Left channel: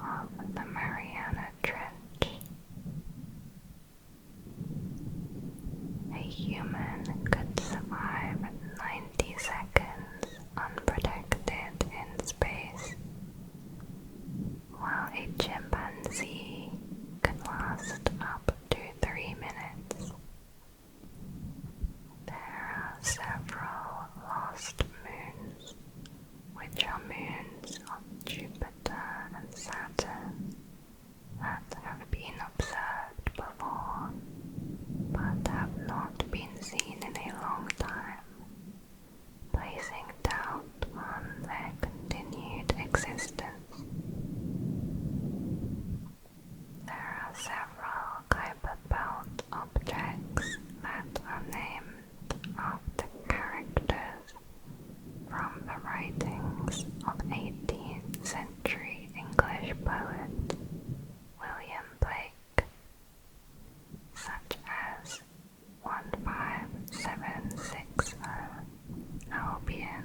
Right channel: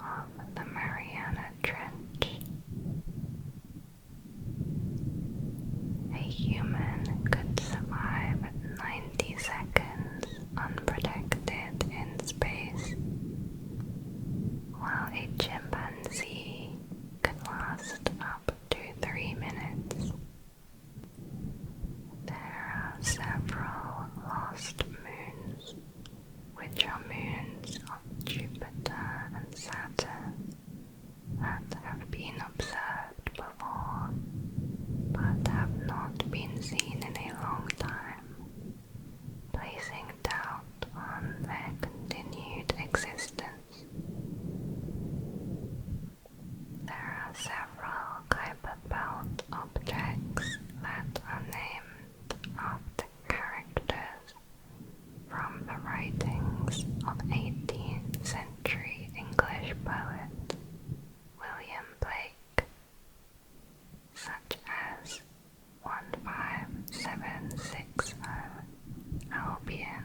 of the Mariana Trench. A human could survive 90 seconds unprotected in space, while a chimpanzee could last up to 3 minutes. There are several lost moons, which are moons of Jupiter and Saturn, that have been observed before, but have not been seen in a long time, placing doubt on their continued existence. There are several Kuiper Belt objects that are named after characters from the writings of 18th century English poet William Blake, such as 15760 Albion.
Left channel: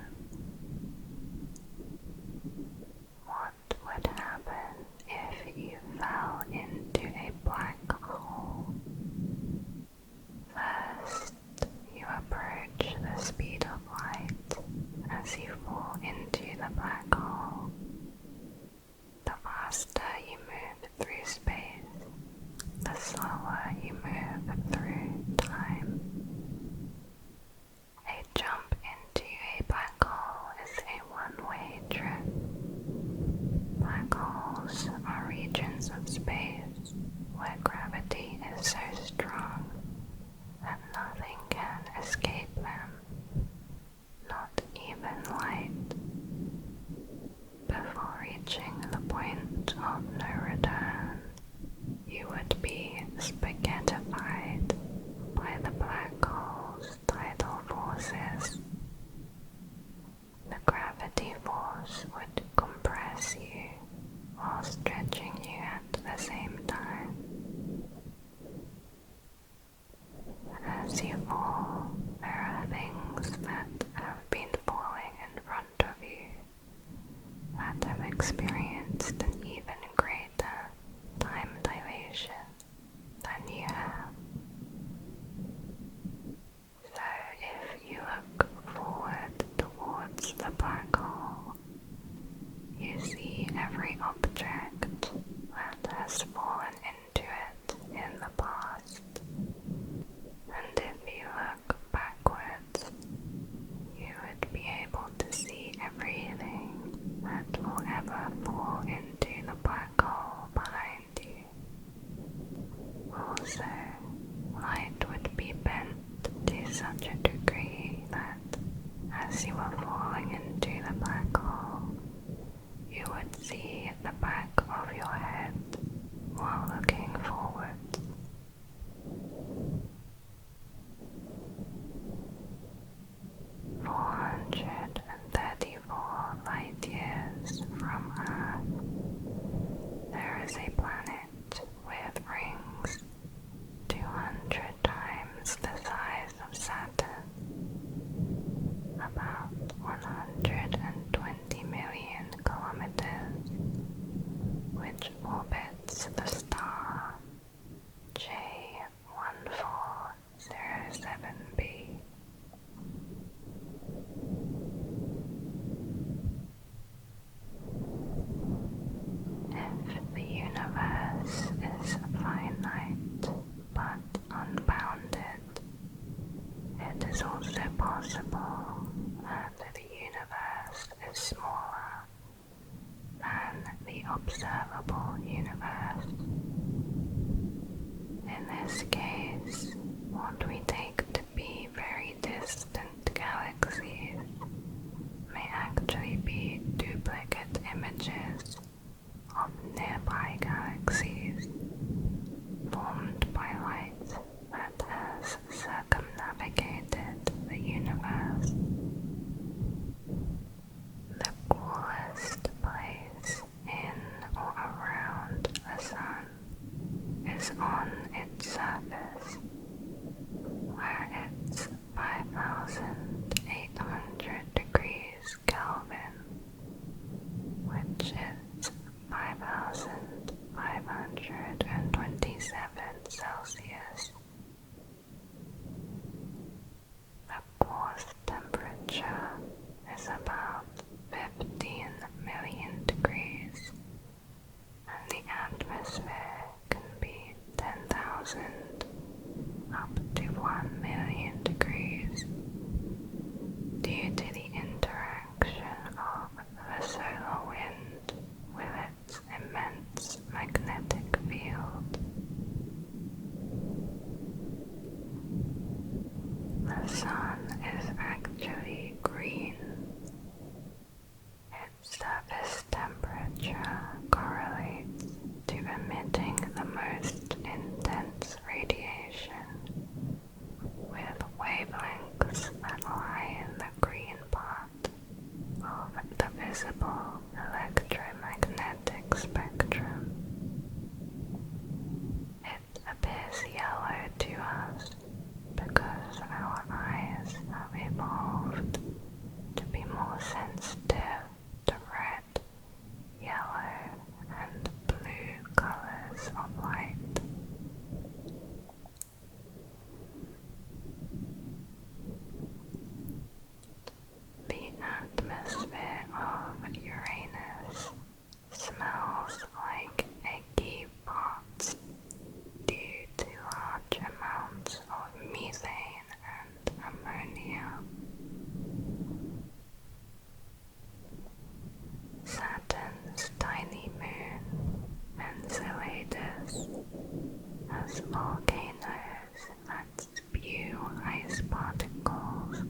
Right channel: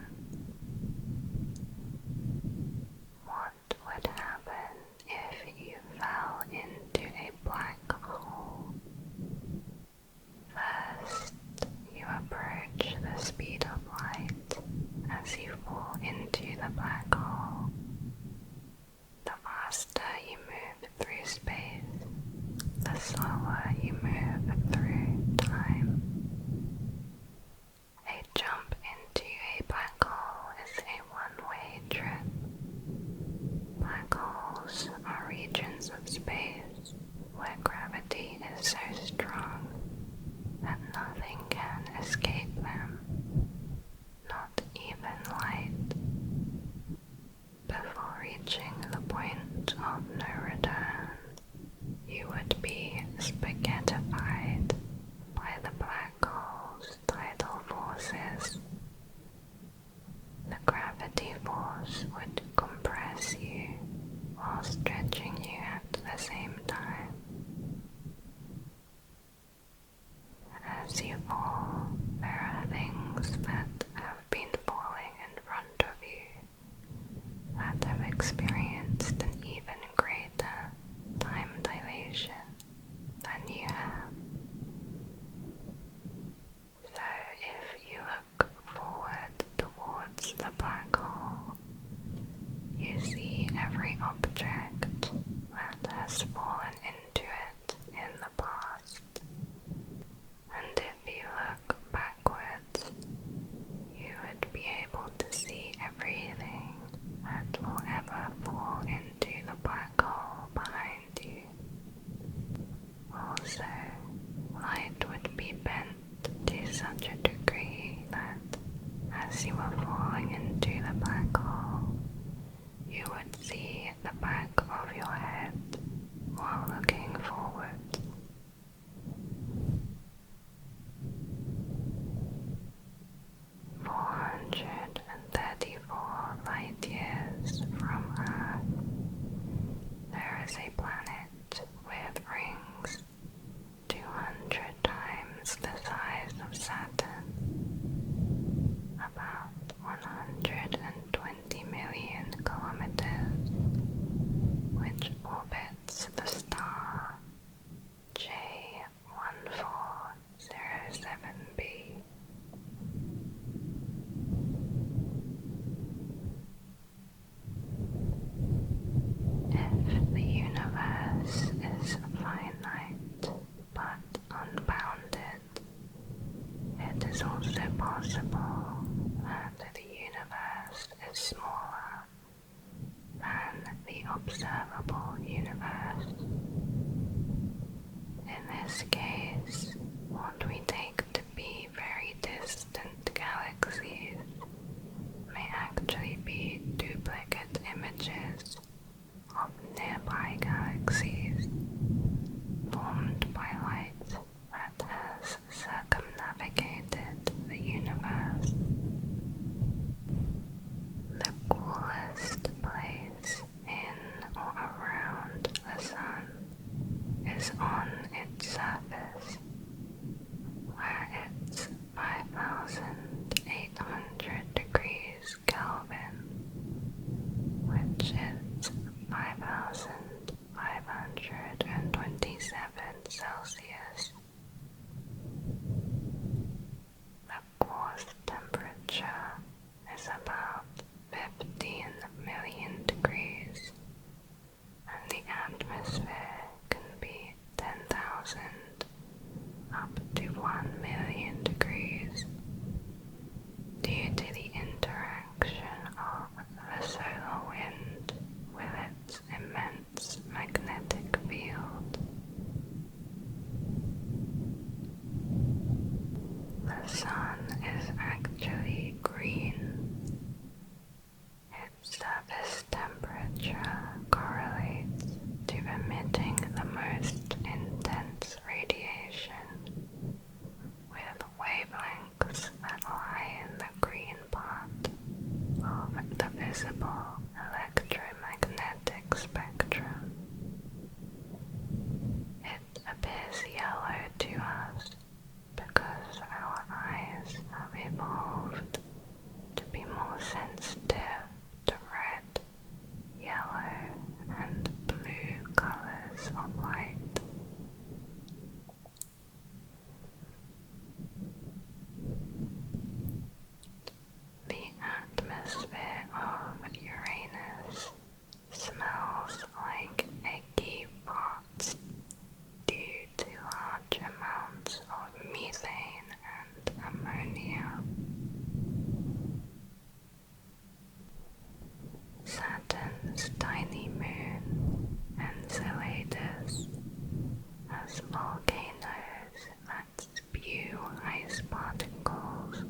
What would happen if you fell into a black hole? First, you approach the speed of light as you fall into the black hole. The faster you move through space, the slower you move through time. A jump into a black hole is a one-way trip. Black holes are regions of space where gravity is so strong that nothing can escape them, not even light. Before reaching the point of no return, you would be spaghettified by the black hole's tidal forces. The gravity force would compress you while stretching you at the same time. As you fall, there are things that have been falling in front of you that have experienced an even greater time dilation than you have. So if you look forward towards the black hole, you see every object that has fallen into it in the past. And if you look backwards, you would be able to see everything that will ever fall into the black hole behind you. Also, light would be bent to such a degree that, as you were falling into the black hole, you would see the back of your head while looking forward. "434 light years from Earth, there is a planet with rings 200 times the size of Saturn, about 120 million kilometers, which orbits the star J1407b. If the universe is finite but unbounded, it is also possible that the universe is smaller than the observable universe. In this case, what we take to be very distant galaxies may actually be duplicate images of nearby galaxies formed by light that has circumnavigated the universe. The coolest place in or around the Sun is on its surface, where it's 5,800 degrees Kelvin, which is volcanoes that spew ice particles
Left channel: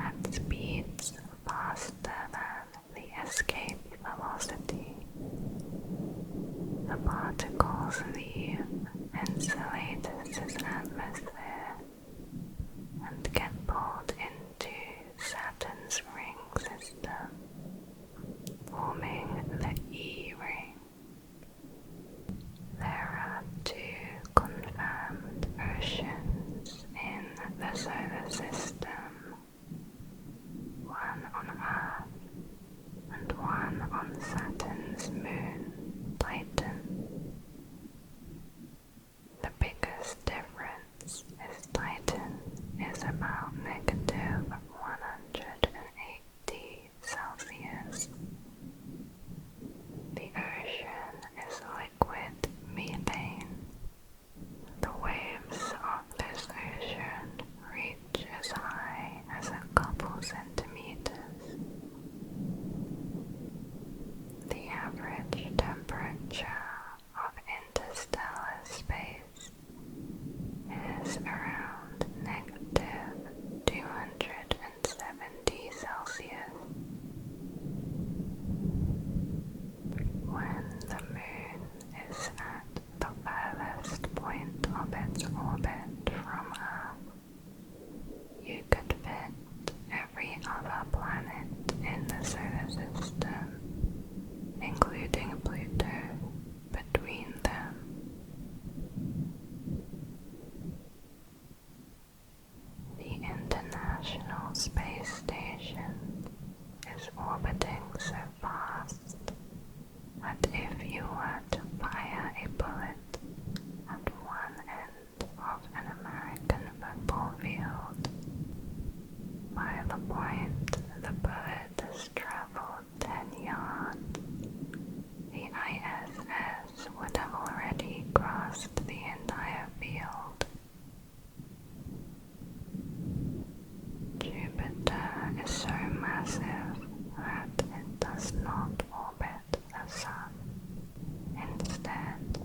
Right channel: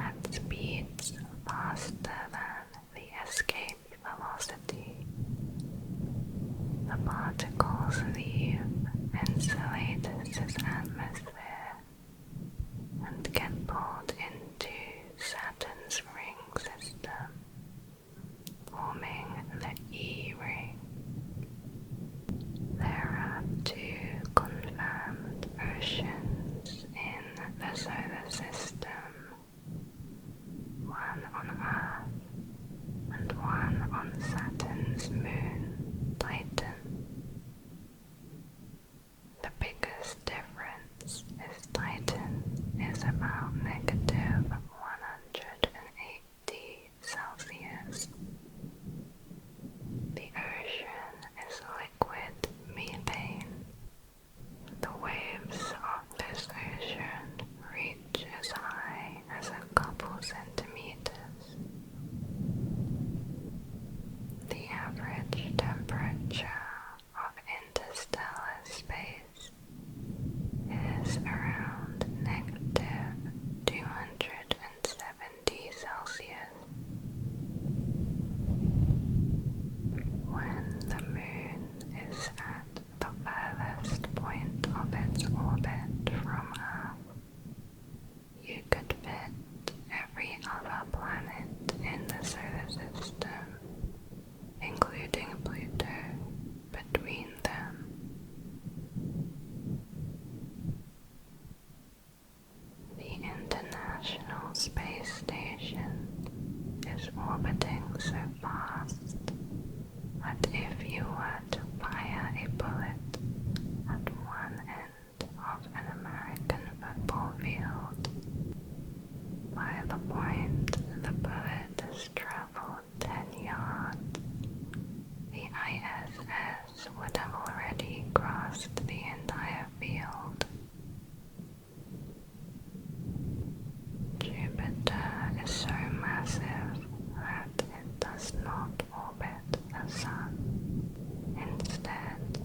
at speeds faster than the escape velocity. The particles leave Enceladus' atmosphere and get pulled into Saturn's ring system, forming the E ring. There are two confirmed oceans in the solar system, one on Earth and one on Saturn's moon, Titan. The biggest difference is Titan is about -180 Celsius. The ocean is liquid methane. The waves of this ocean reach as high as a couple centimeters. The average temperature of interstellar space is around -270 Celsius. When the moon is at the furthest point of its orbit from Earth, you could fit every other planet in the solar system, including Pluto, between them. The International Space Station is orbiting so fast that if you were to fire a bullet at one end of an American football field, by the point the bullet has traveled 10 yards, the ISS would have already crossed the entire field. Jupiter is so massive that it does not orbit the Sun. Instead,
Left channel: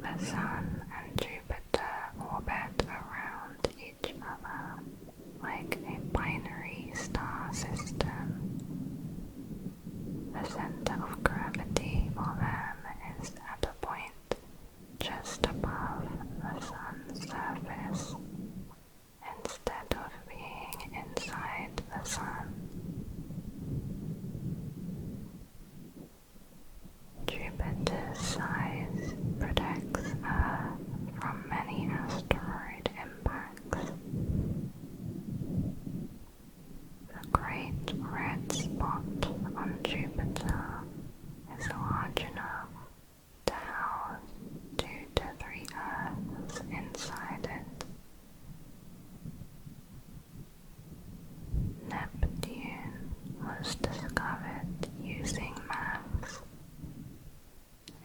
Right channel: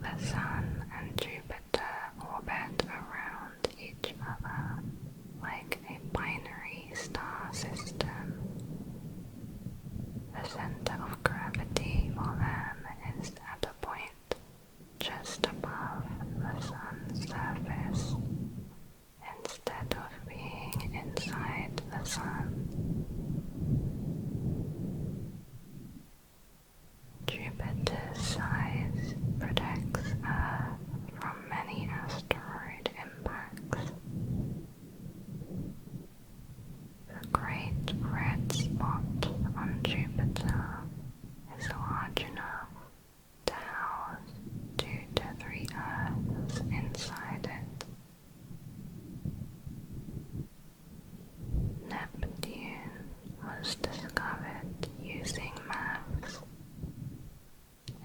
the Sun and Jupiter orbit around each other like a binary star system. The center of gravity for them is at a point just above the Sun's surface, instead of being inside the Sun. Jupiter's size protects Earth from many asteroid impacts. The Great Red Spot on Jupiter is large enough to house 2 to 3 Earths inside it. Neptune was discovered using maths.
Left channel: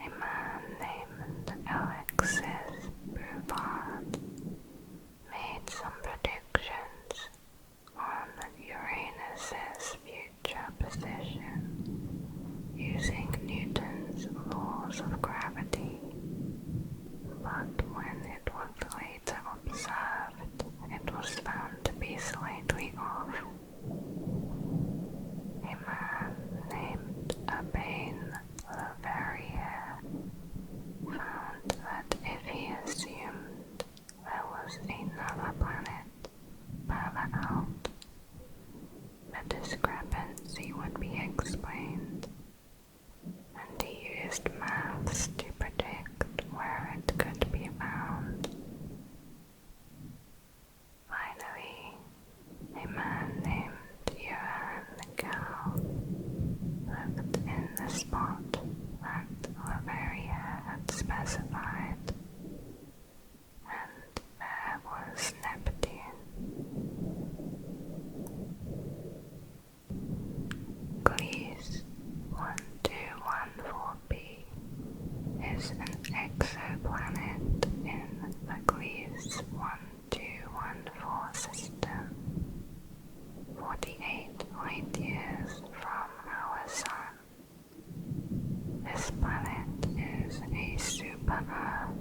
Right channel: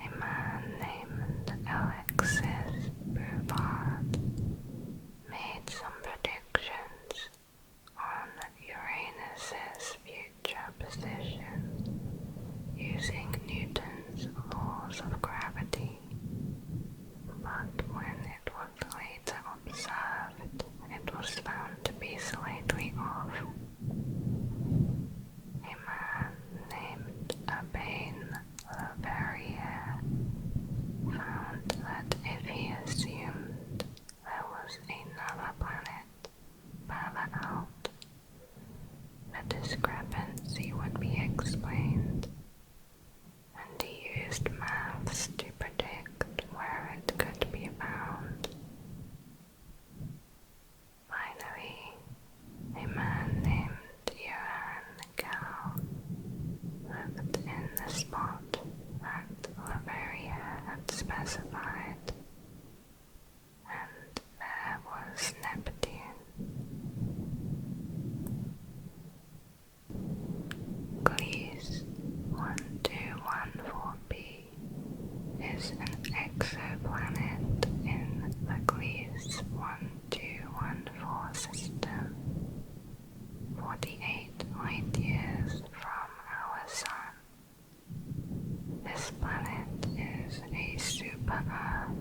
A man named Alexis Bouvard made some predictions on Uranus's future position using Newton's laws of gravity, but when it was later observed, it was found to be slightly off. A man named Urbain Leverrier found that if he assumed there was another planet further out, the discrepancy would be explained, and he used maths to predict where it could be found. Finally, a man named Johann Gall lived in the spot that Leverrier had specified, and there was Neptune. Gliese 1214b is an exoplanet in the Gliese 1214 system, 48 light-years from our Sun. This planet is a super-Earth.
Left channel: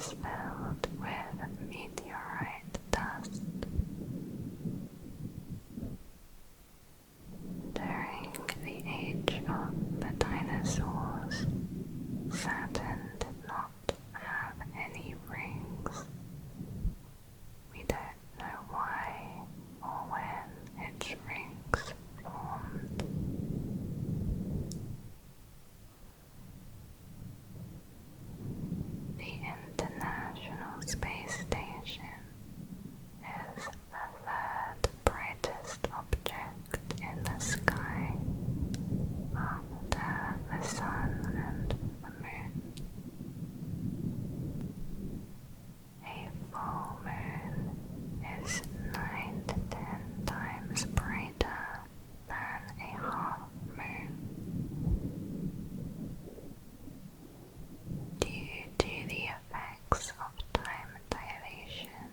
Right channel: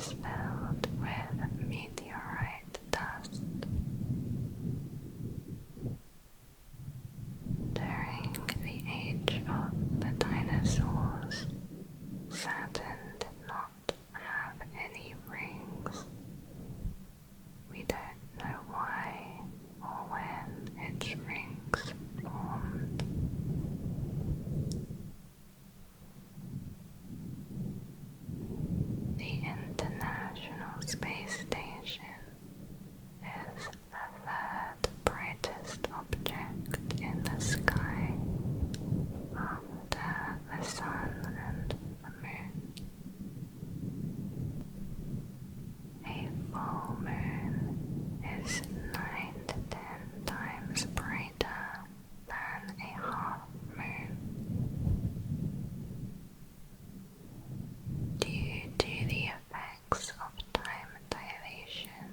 is filled with meteorite dust. During the age of the dinosaurs, Saturn did not have any rings. We don't know why or when its rings formed. The International Space Station is the third brightest object in the sky after the Sun and the Moon. A full moon is 9 to 10 times brighter than a half moon. Due to the effects of time dilation,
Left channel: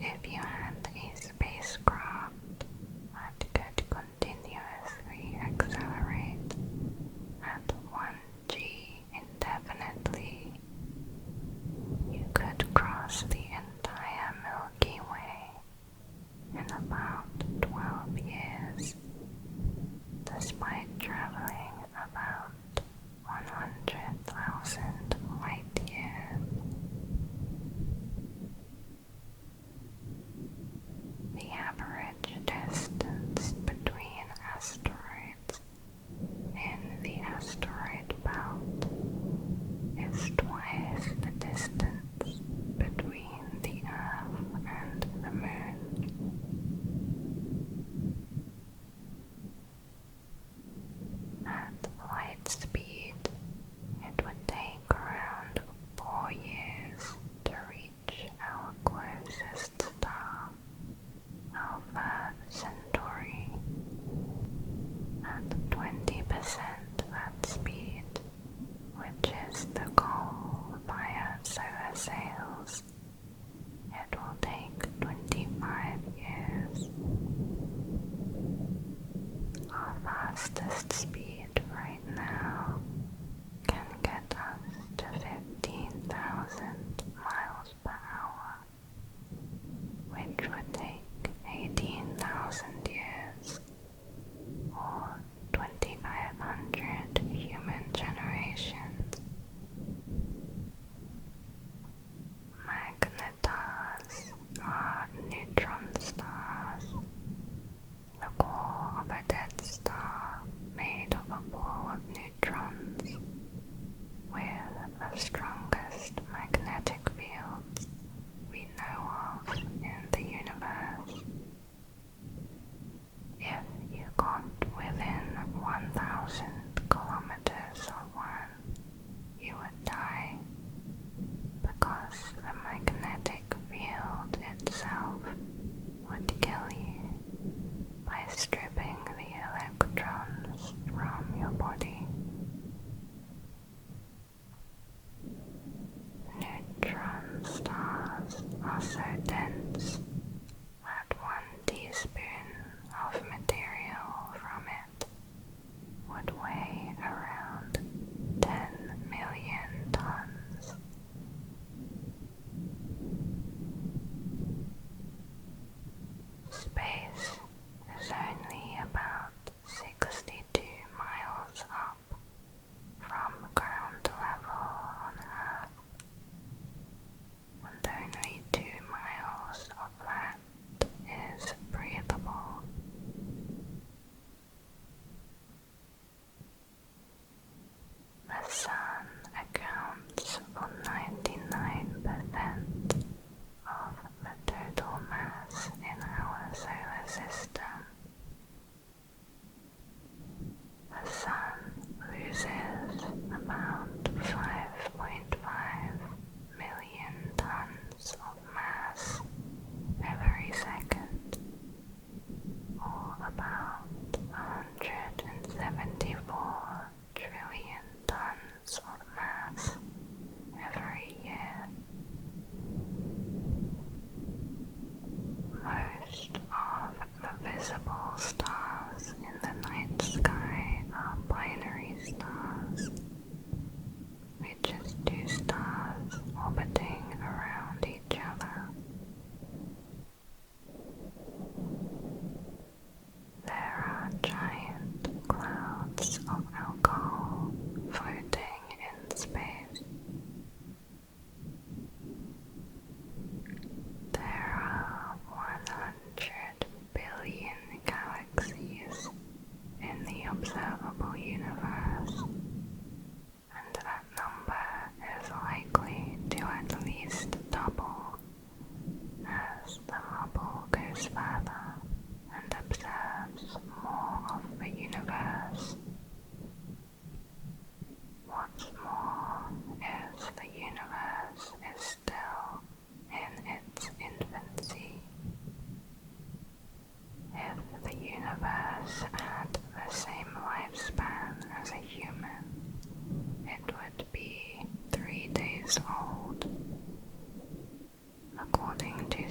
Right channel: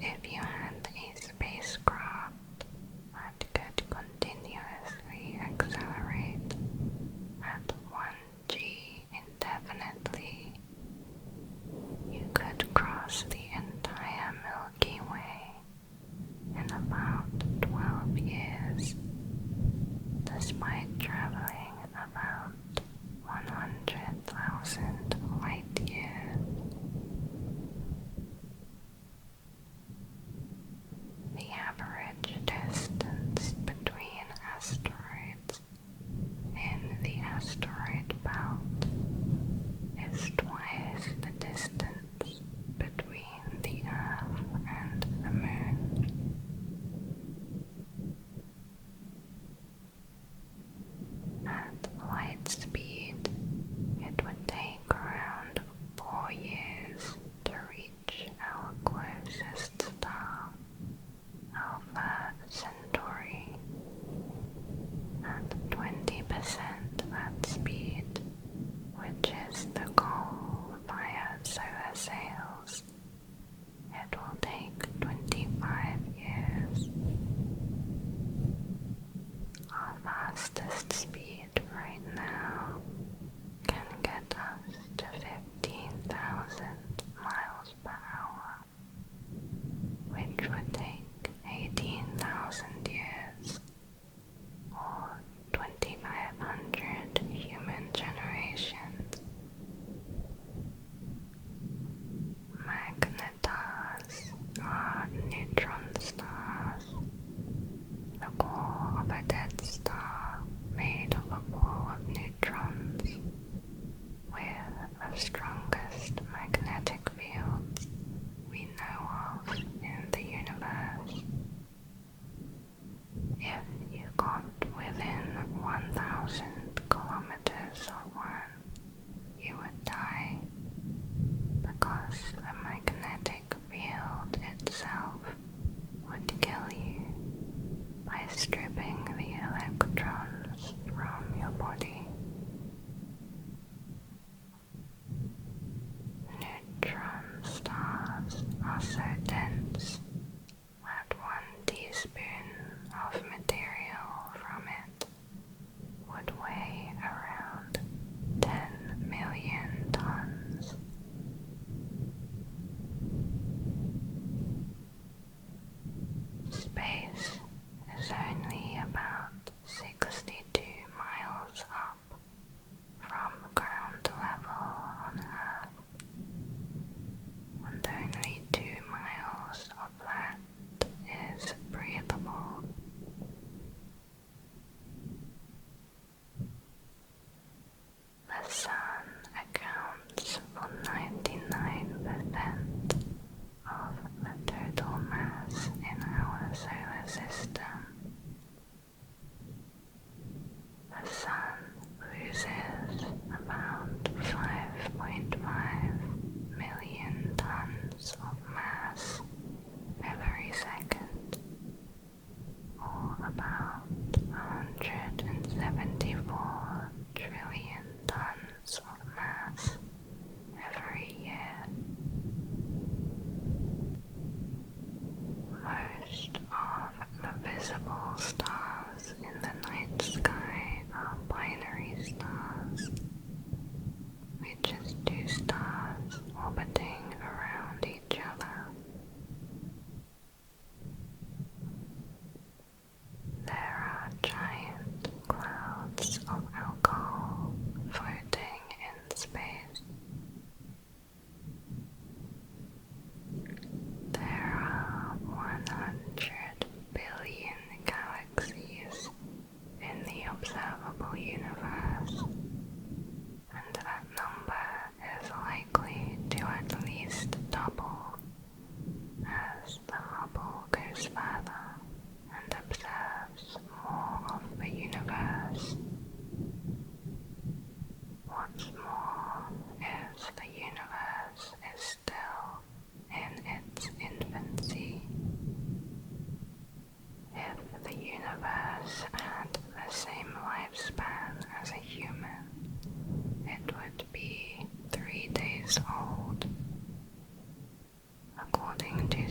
if you had a spacecraft that could continuously accelerate at 1 g indefinitely, you could cross the entire Milky Way in about 12 years, despite traveling about 100,000 light years. The average distance between asteroids in the asteroid belt is twice the distance between the Earth and the Moon. At light speed, it would take around 4 years to reach our closest star, Alpha Centauri. At 20% that speed, which is the goal via solar sails, it will take 25 years. Our fastest speed right now can get us to 15,000 miles per hour, which would take 18,000 years, or 2,500 human generations. Magnetars are neutron stars, the core of a dead star made of a ball of neutrons, with the strongest magnetic fields we know of in the universe. If you got within 1,000 kilometers of one, you would die, because the magnetic field itself would kill you by stripping the electrons from your body. Neutron stars are so dense that 1 teaspoon of material from it would weigh around 10 million tons. Space is only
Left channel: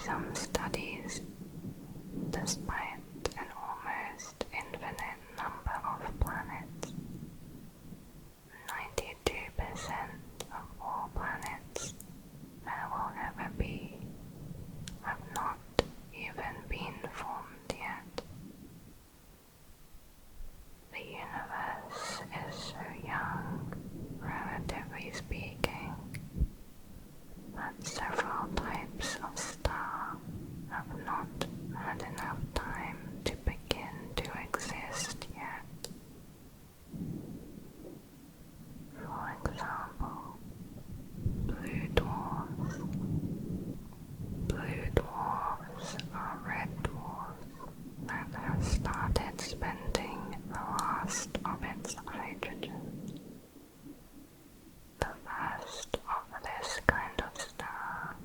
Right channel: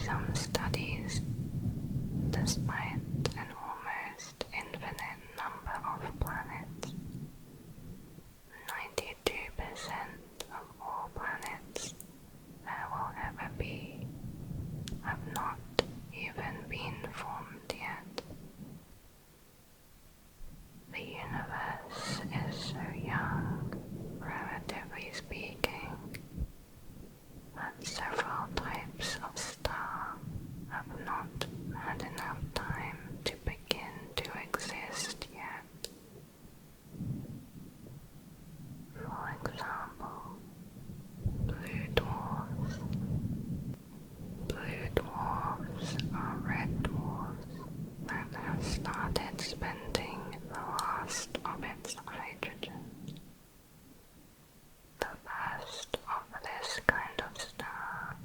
some studies, despite an almost infinite number of planets, 92% of all planets there will ever be have not even been formed yet. The universe is so young, relatively speaking, that several types of star have not had enough time to begin to exist yet. For example, blue dwarfs. Blue dwarfs are red dwarfs that have started spending the last of its hydrogen. The first of this kind of star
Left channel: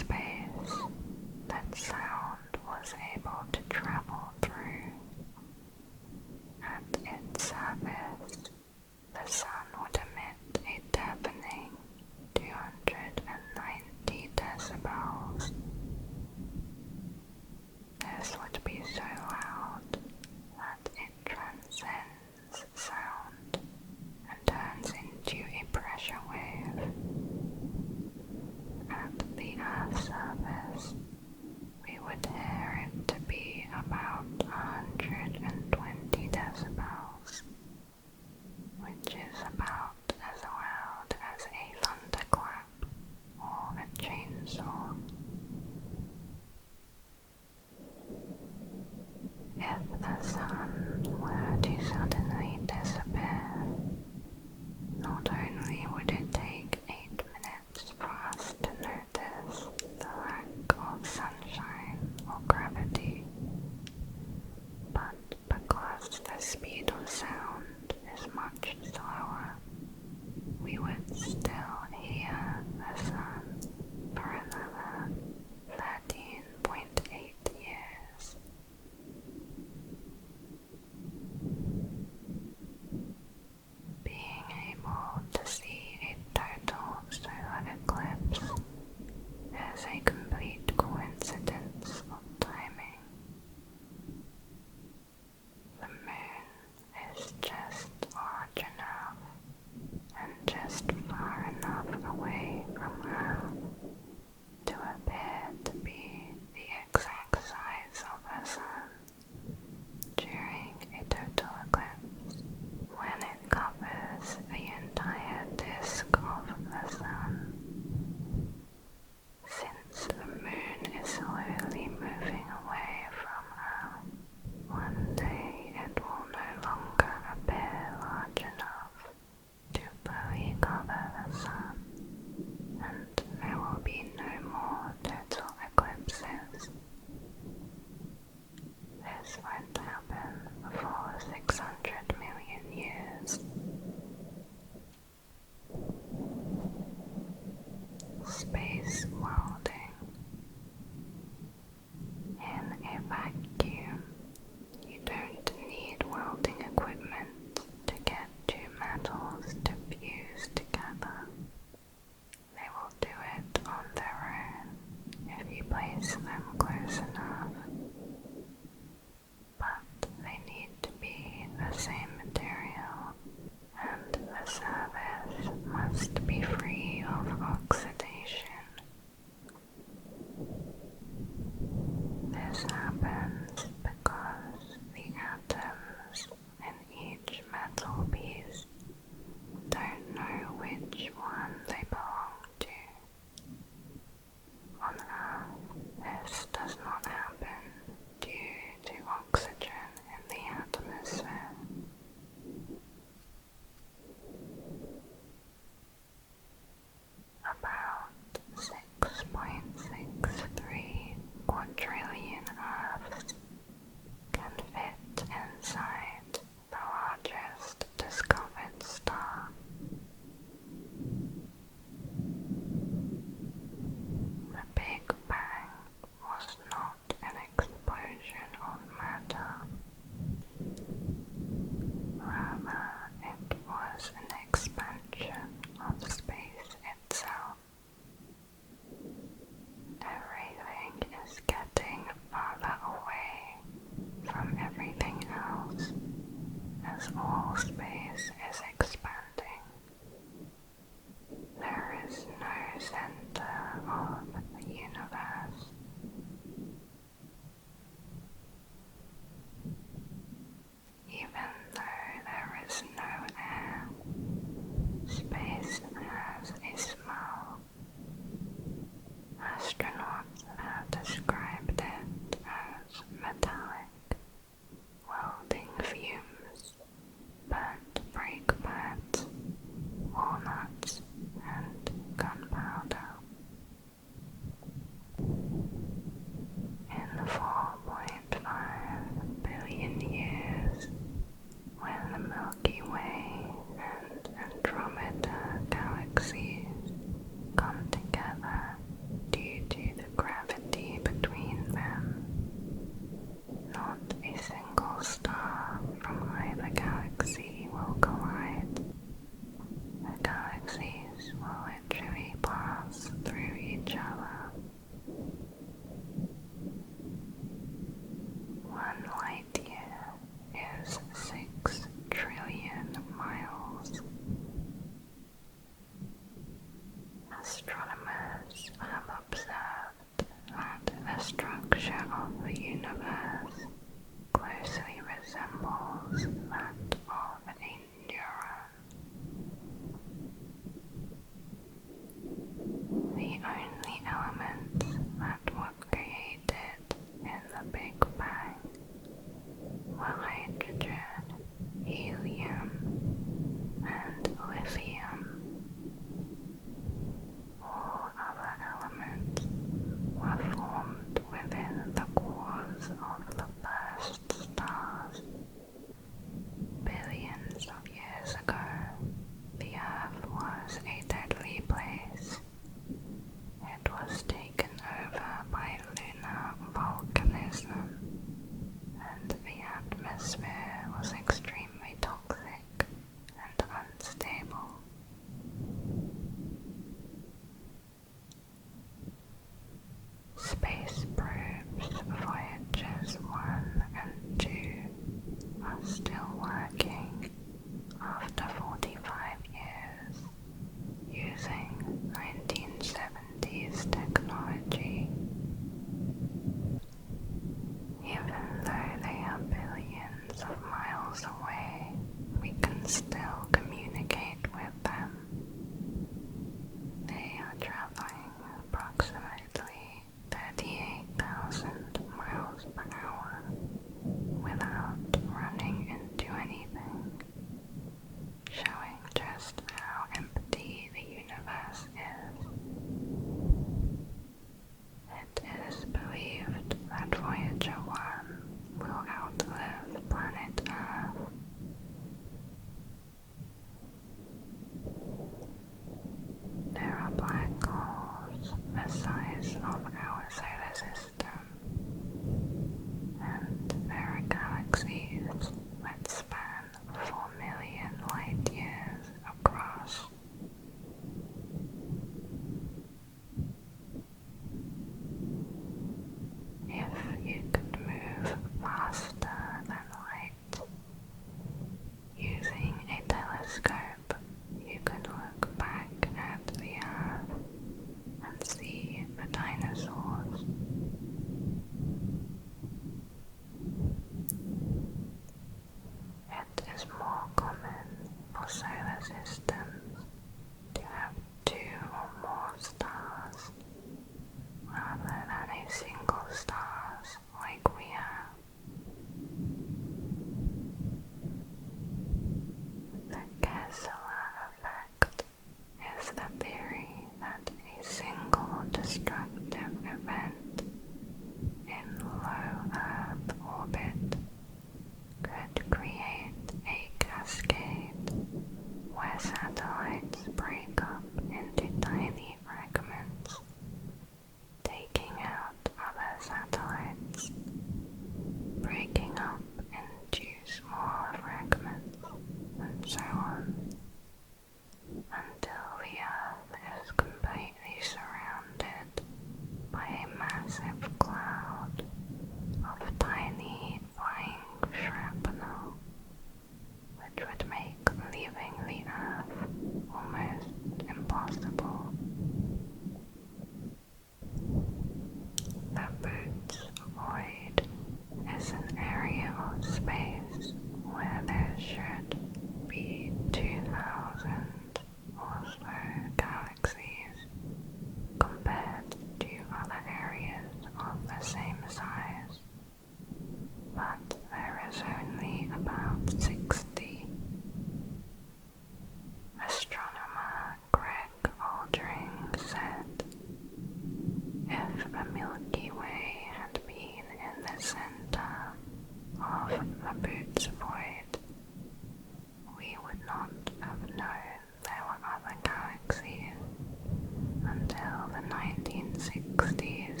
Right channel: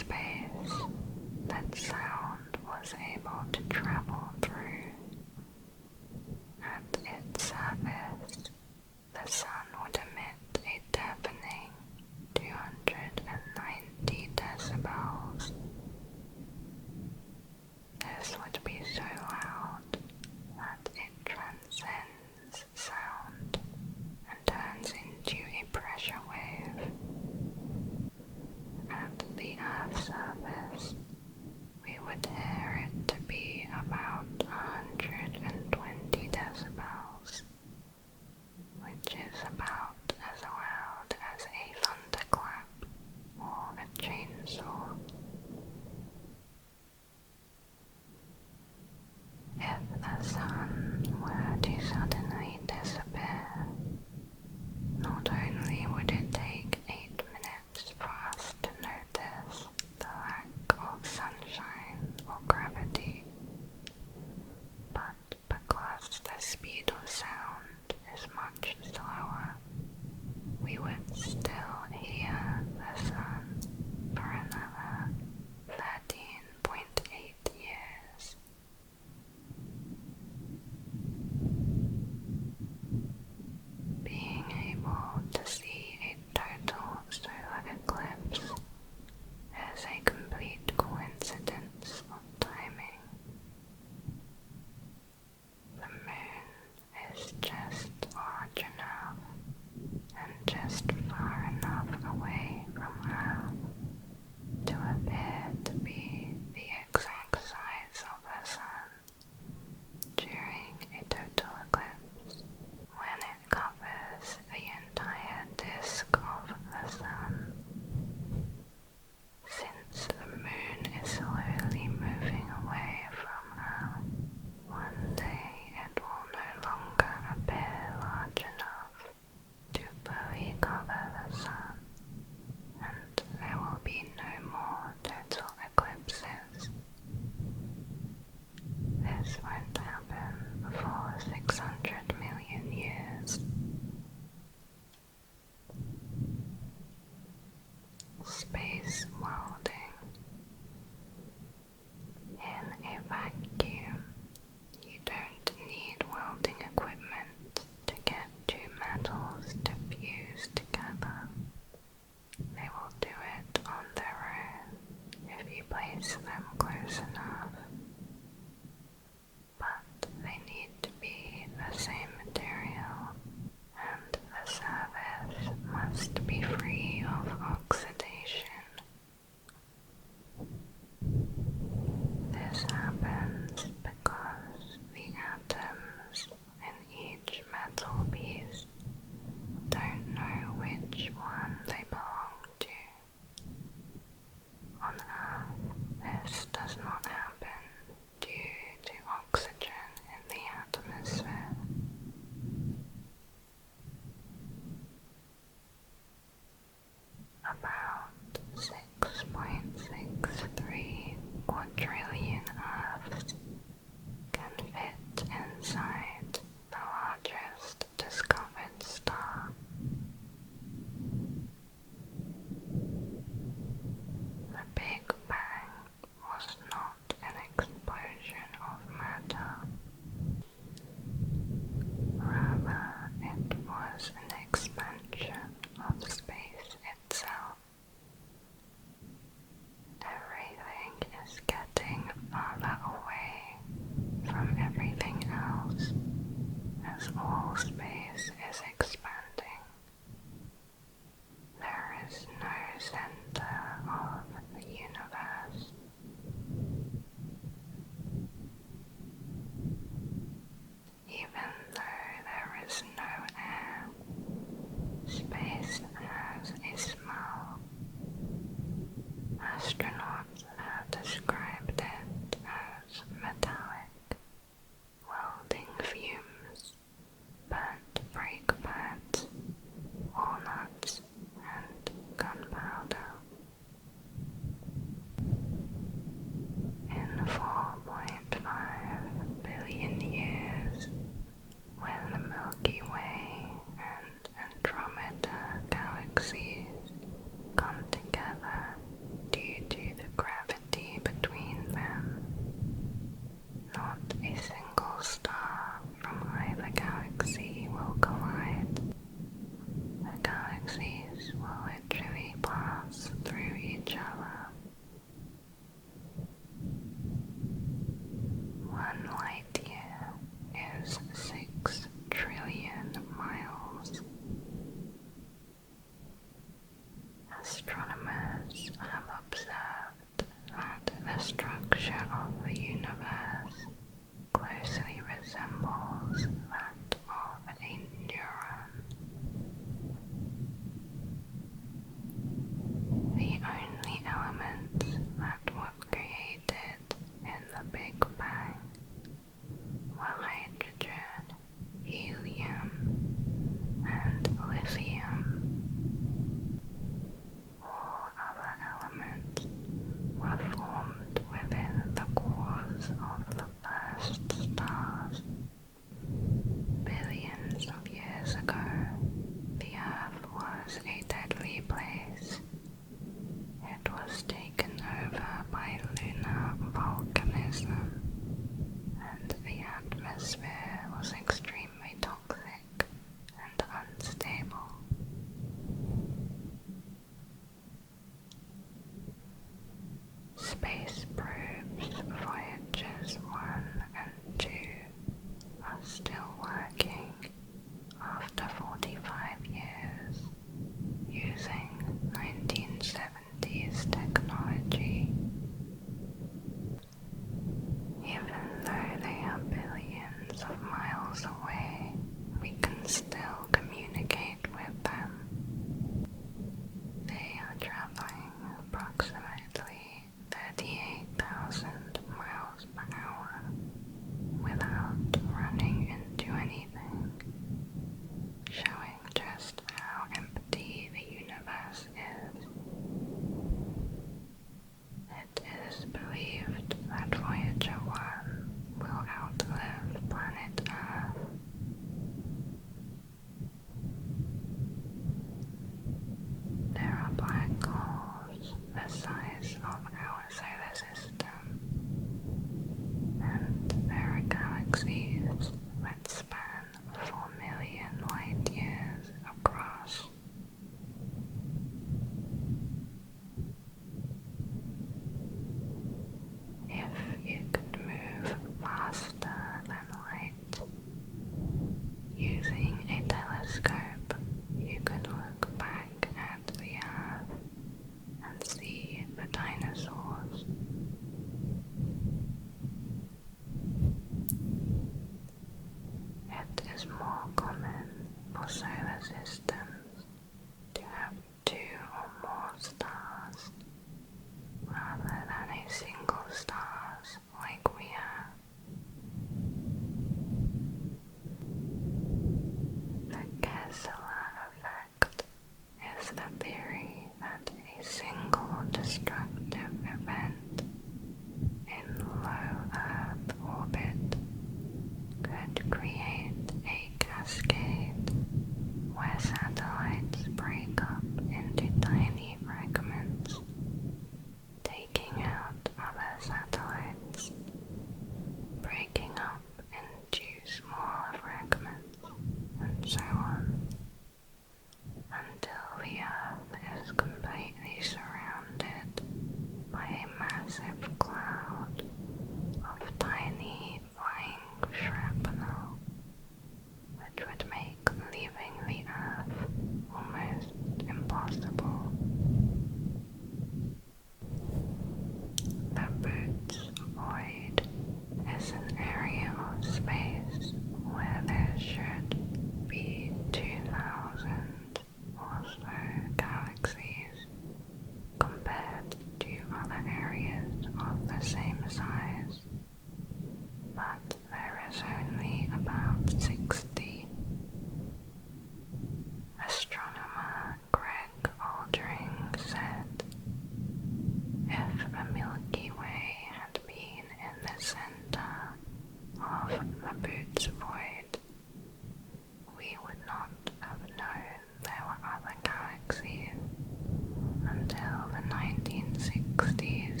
the 1960s.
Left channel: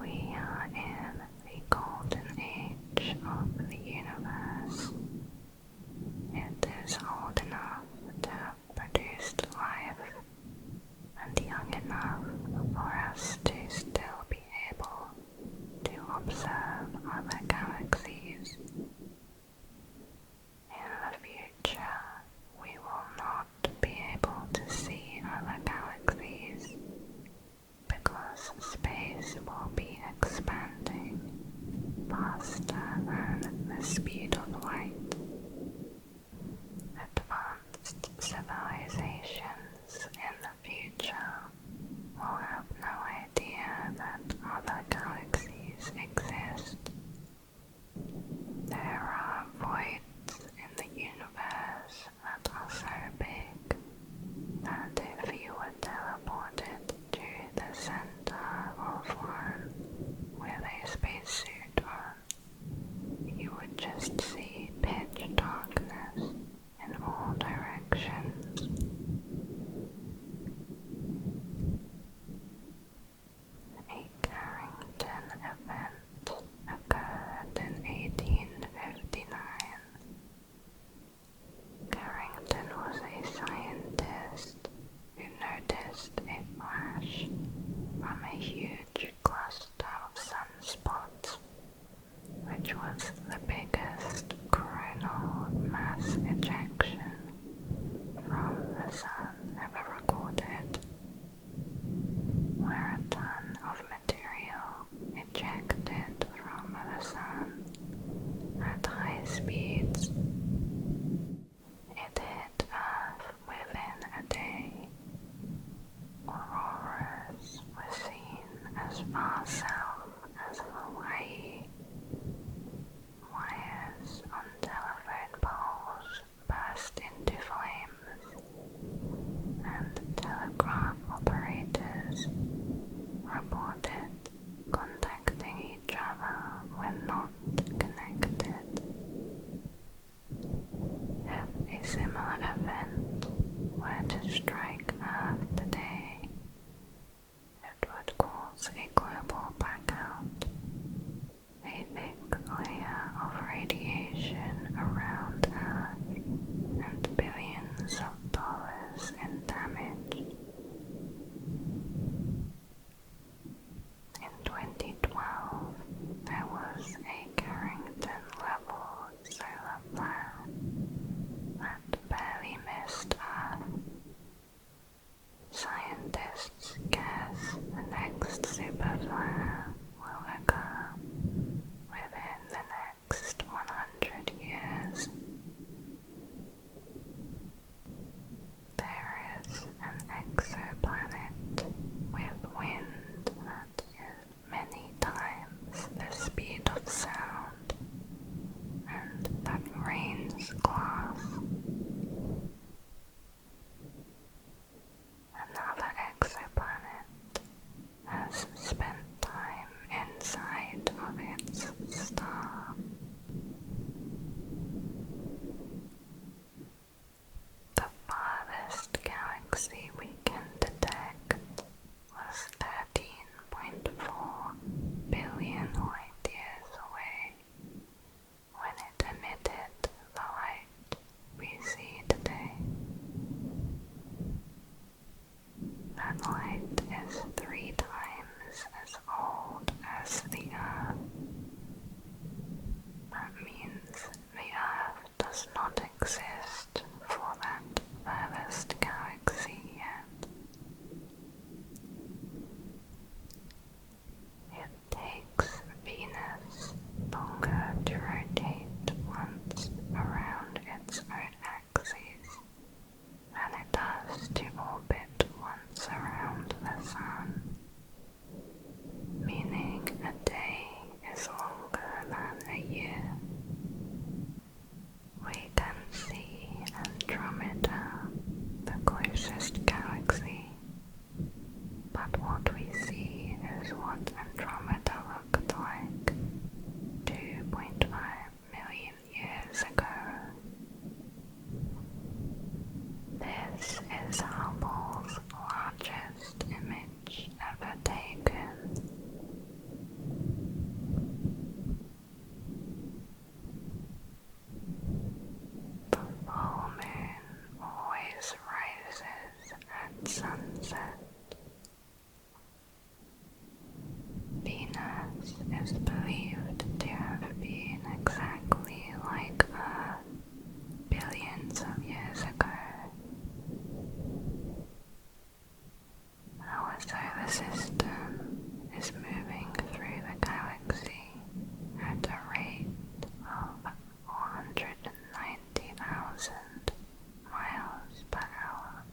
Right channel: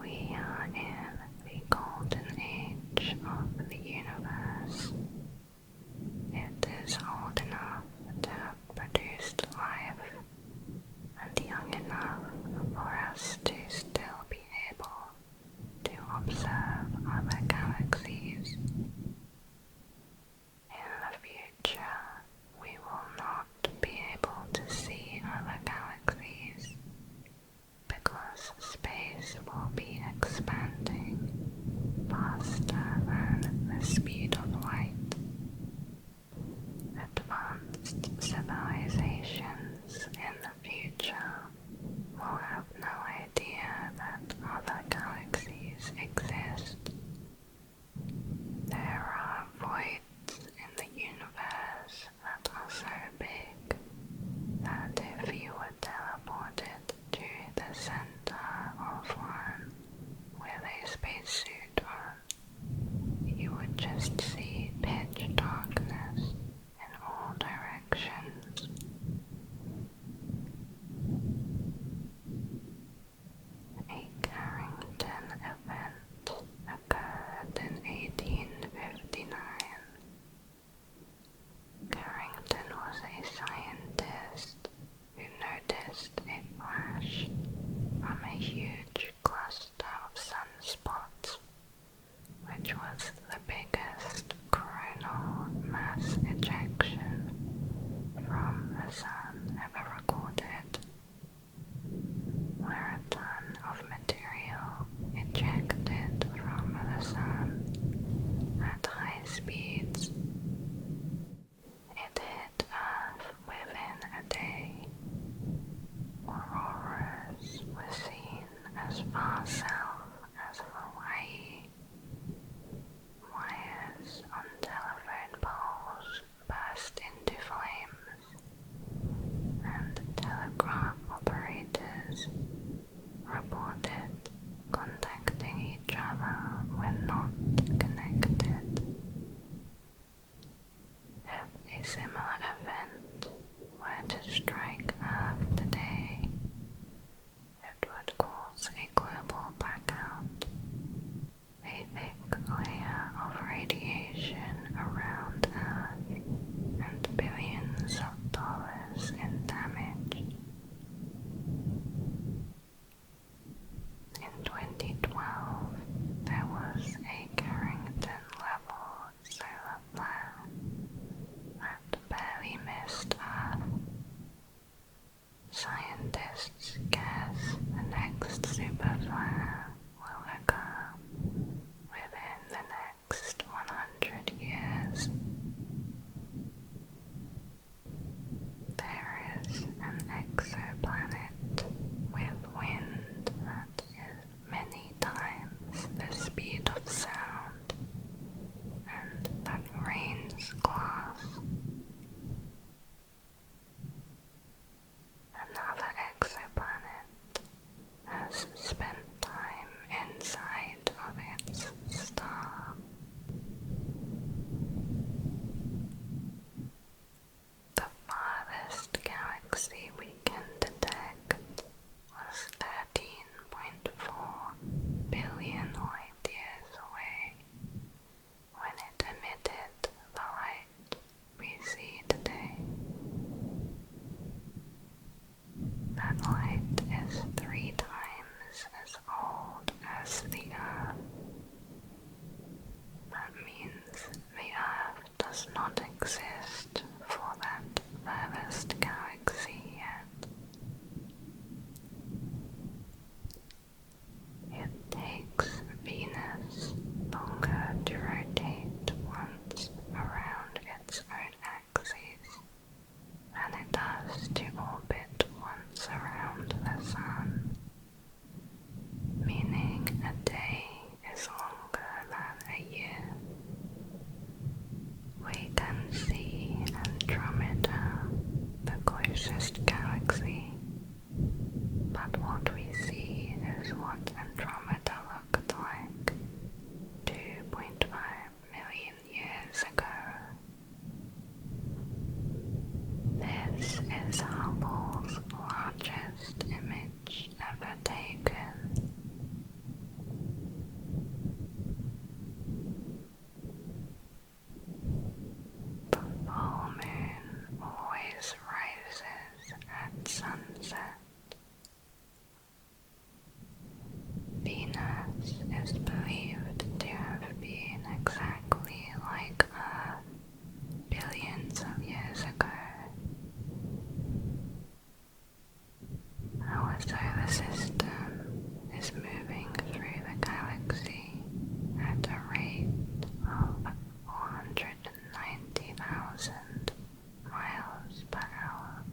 We are in the golden age of the universe. It is old enough to have produced life, and young enough for us to still be able to observe other galaxies. In the future, we will not be able to see other galaxies because space will be expanding faster than the speed of light. Advanced civilizations in the future will have no idea that other galaxies exist. There are voids in the universe that are so big that if you were teleported to the center of one with a spacesuit on, you would just see pitch darkness in all directions. A Carrington event occurred in 1859. Carrington was a scientist who noticed a flash from a huge cluster of sunspots, which was the biggest coronal mass ejection from the Sun ever recorded, where a ton of material ejected from the Sun at high speeds. It hit Earth within a day. Auroras were seen as far south as Hawaii. Wires on telephone poles burst into flames, and telegraph operators reported contacting each other when not connected. If a similar event were to strike Earth today, it would cause a global blackout. A thick layer of radiation around Earth and billions of dollars in damage. In 2012, there was a Carrington-level solar flare that barely missed Earth. Scientists guess the next superflare will occur within the next 100 years. There is an exoplanet with wind that is many times the speed of sound, and that rains glass. Another exoplanet has spent time inside of its star. The farthest galaxy we can detect was 13.4 billion light years away when it emitted the light we see today. That light is 3 times as old as the Earth. That means the Earth does not exist for that furthest galaxy yet. It takes Venus longer to rotate once around its own axis than it does to orbit once around the Sun, meaning a day is longer than a year. We can sunset. Venus is believed to have been exactly like Earth billions of years ago. Our solar system is moving through the galaxy at a rate of 490,000 miles per hour.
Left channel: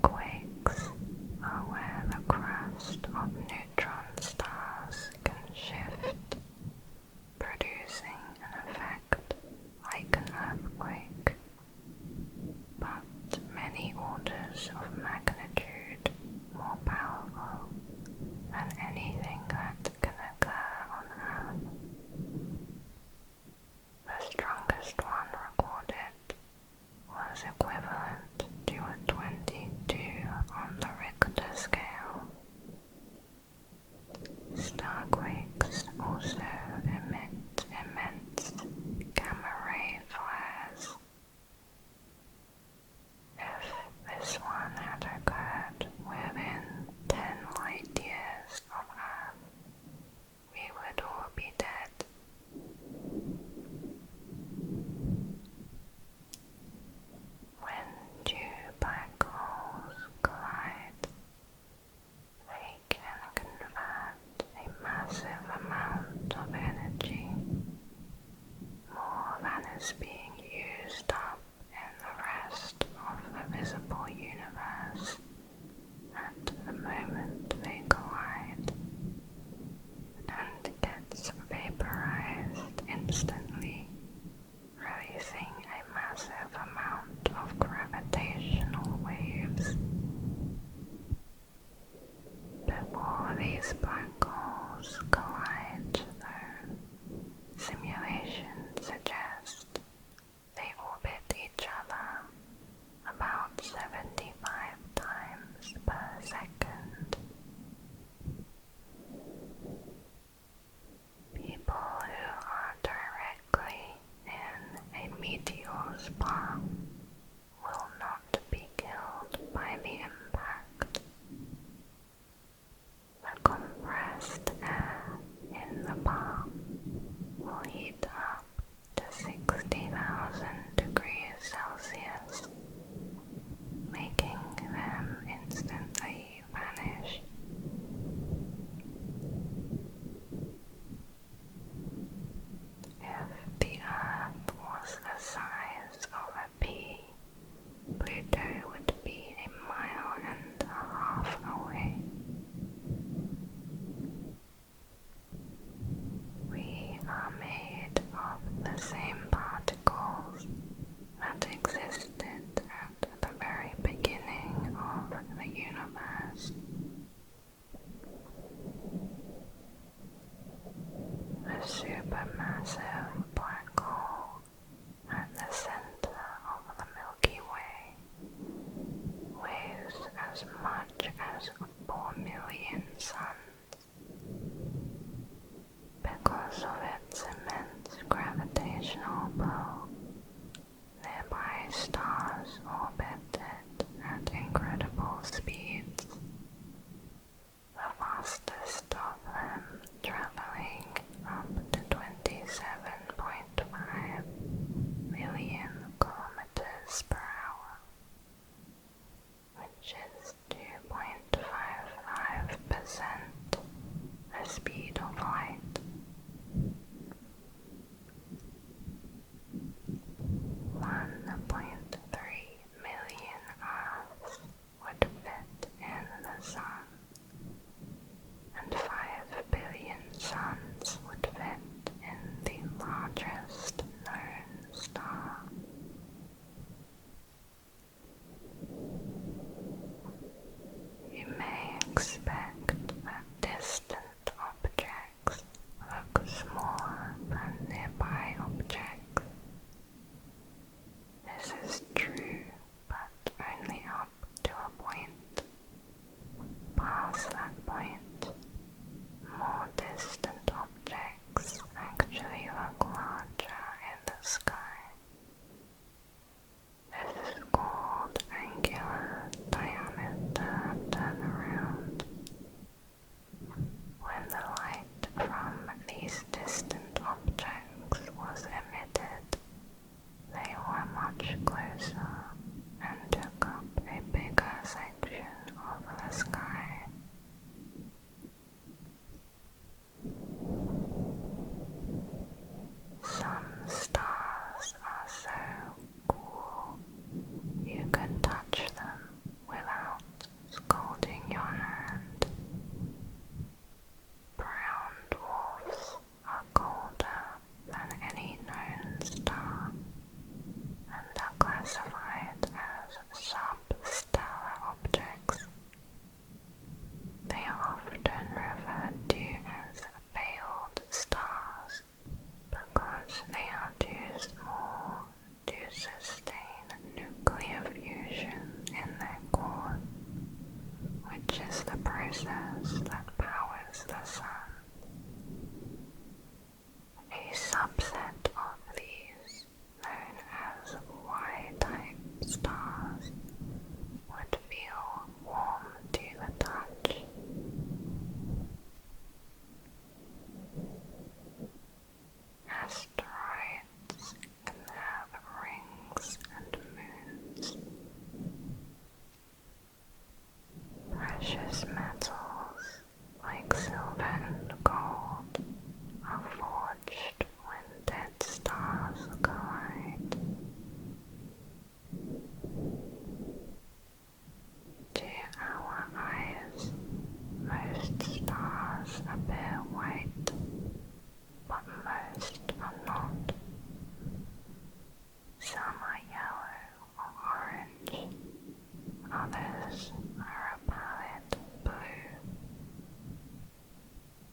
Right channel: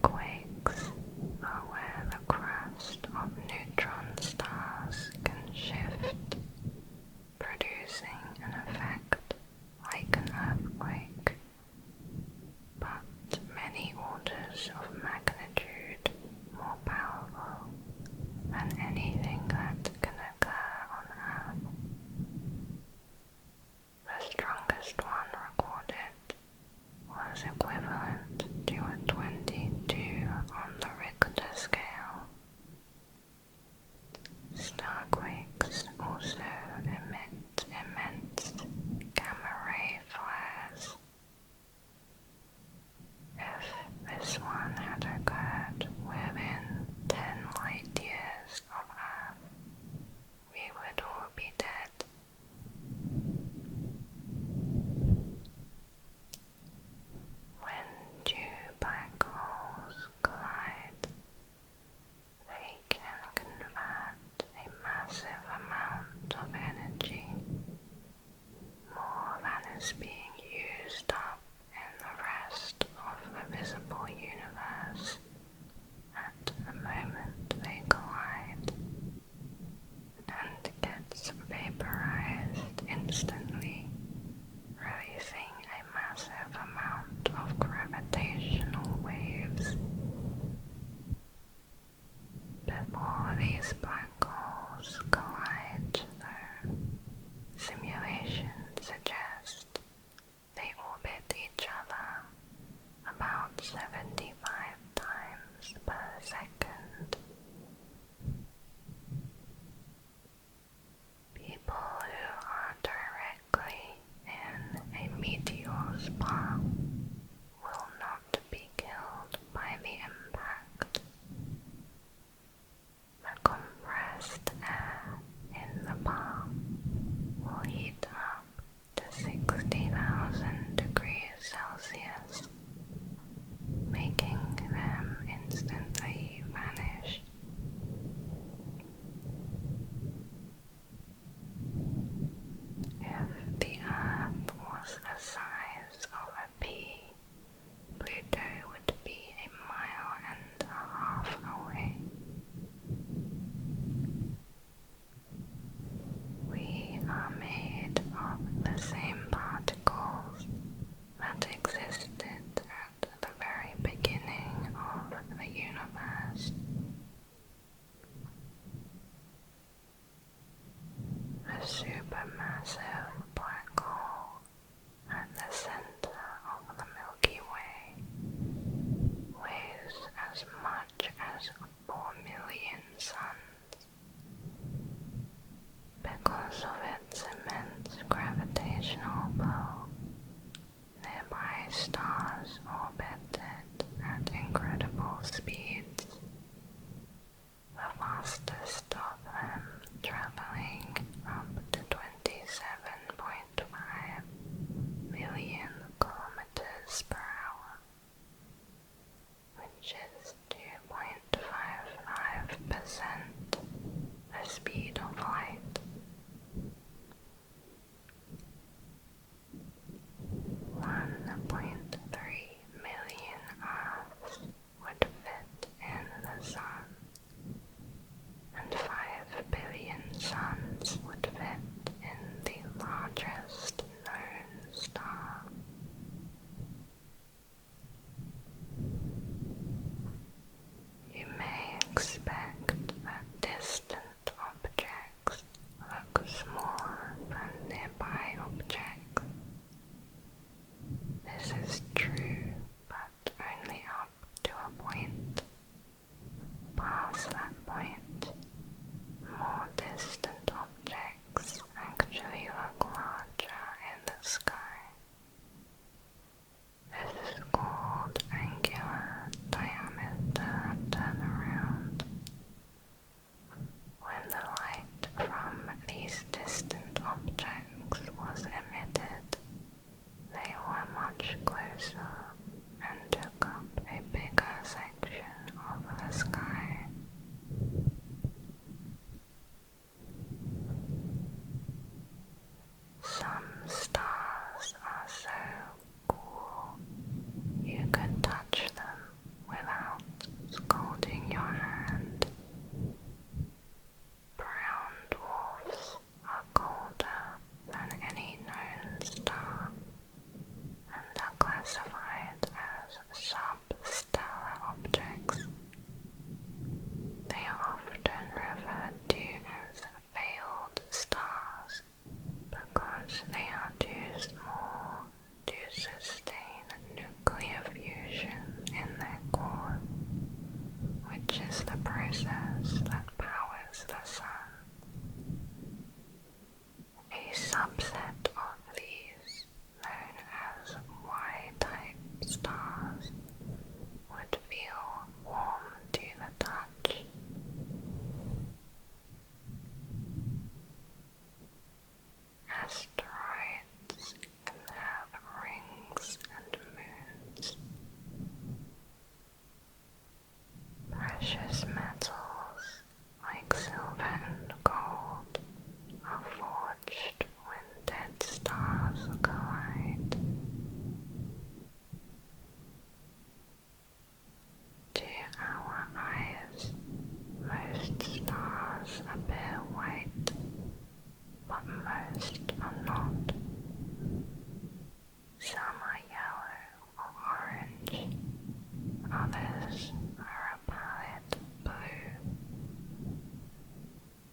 Starquakes are where the crust of neutron stars can shift, producing an effect like an earthquake, but many orders of magnitude more powerful than anything that can occur on Earth. The strongest one recorded was equivalent to a 22 on the Richter scale. Starquakes also emit immense gamma-ray flares. If this one had occurred within 10 light years of Earth, we would all be dead. When two black holes collide, they can convert a massive amount of energy, more than is being used up in the rest of the visible universe at the moment they collide, and gets vaporized instantly, releasing a massive amount of gravitational waves. Before these black holes collide, though, simulations suggest they orbit each other about 75 times per second. People who are directly in a meteor's path will not be killed by the impact. The compressed air in the path will heat up to 60,000 degrees Celsius, making them instantly vanish. If the Earth was the size of a pea, Pluto would be 1.5 miles away. We are made of the same particles that existed at the very beginning of the universe. The supermassive black hole at the center of the Milky Way weighs as much as 4 million suns. Because of its immense gravitational pull, nearby stars orbited at incredible speeds, the fastest of them traveling up to 27.5 million kilometers per hour, which is 2.55% the speed of light. stars would feel warm to the touch. Asteroids can have rings and moons. Precious metals like silver and gold are forged when dead stars collide. To our eyes, most stars appear white, but most are not. Some are yellow or orange, others are a pallid blue,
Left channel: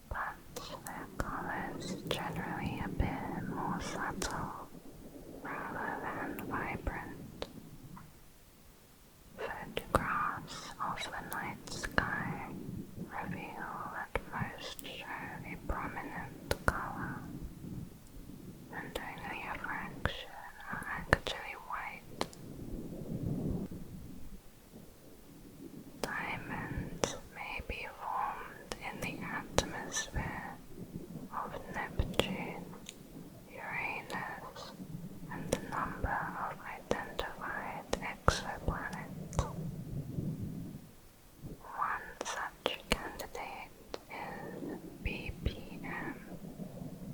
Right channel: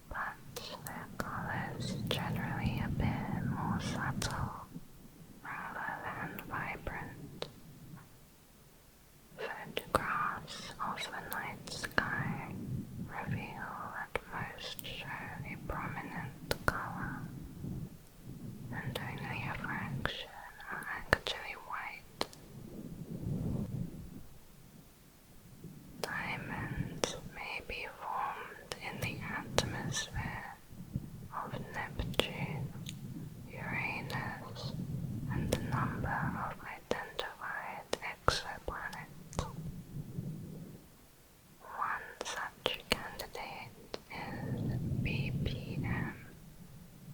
but their colors generally appear more subtle rather than vibrant. Photographs of the night sky reveal that most show a prominent color, and only a fraction are actually white. Diamonds may be formed in the atmosphere of Neptune, Uranus, and a number of identified exoplanets. One such candidate is BPM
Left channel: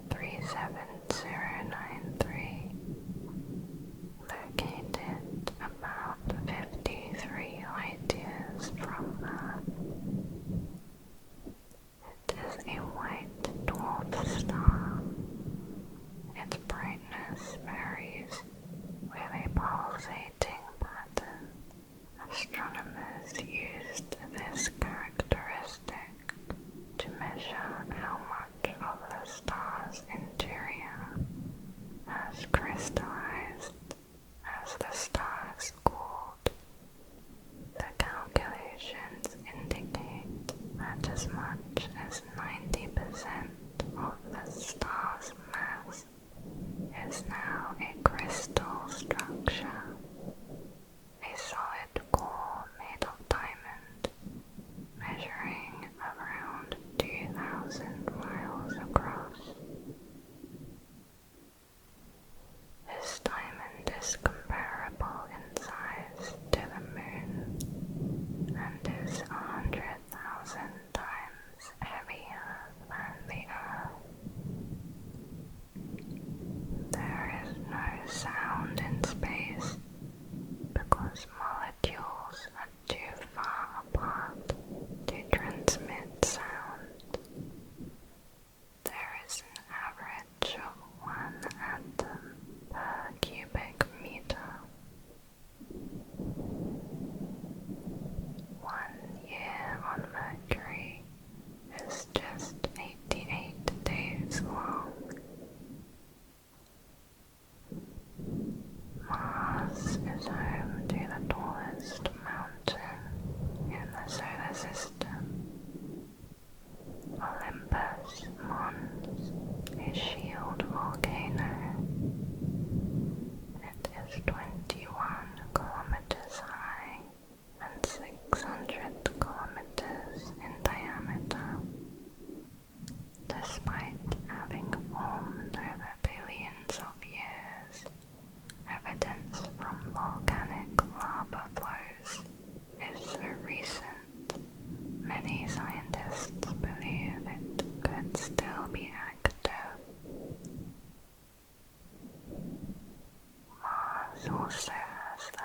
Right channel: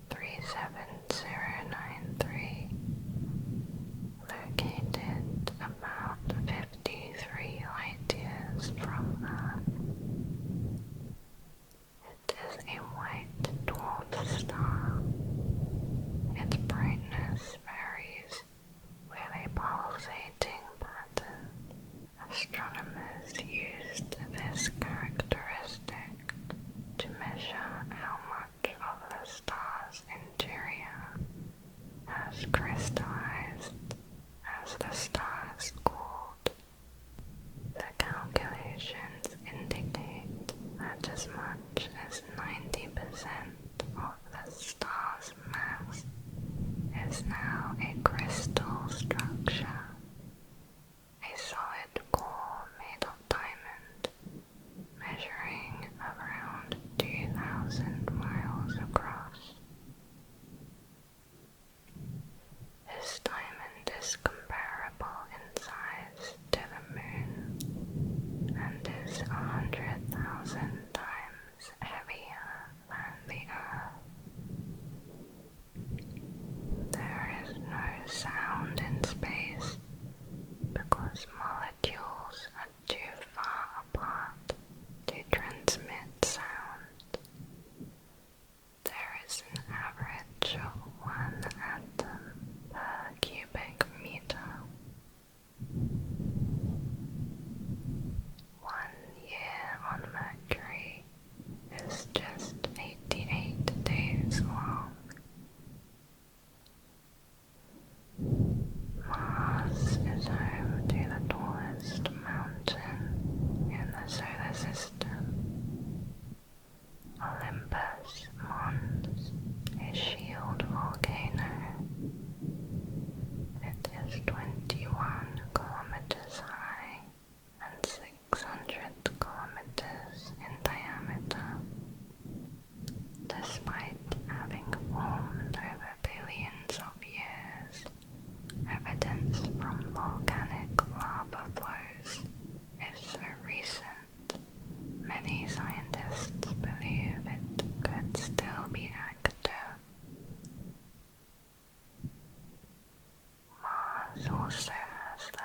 37093, located about 53 light-years from Earth. It is a white dwarf star. Its brightness varies with a pulsating pattern. Astronomers used this characteristic to measure how much of the star's interior has crystallized as the stars cooled. The calculations indicate that as much as 90% of the star's mass is now a crystal structure, a solid core made of diamond, measuring around 2,000 miles across. This diamond is comparable in size to the moon and is 100,000 times heavier than the Earth. There is no sound in space because molecules are too far apart to transmit sound. There is an average of 1 atom per cubic meter. 1 year on Mercury is just 88 days long. Mars is home to the tallest mountain in the solar system. Olympus Mons, a shield volcano. It is 21 kilometers high and 600 kilometers in diameter. Despite having formed over billions of years, evidence from volcanic lava flows is so recent, many scientists believe it could still be active. Mars also has the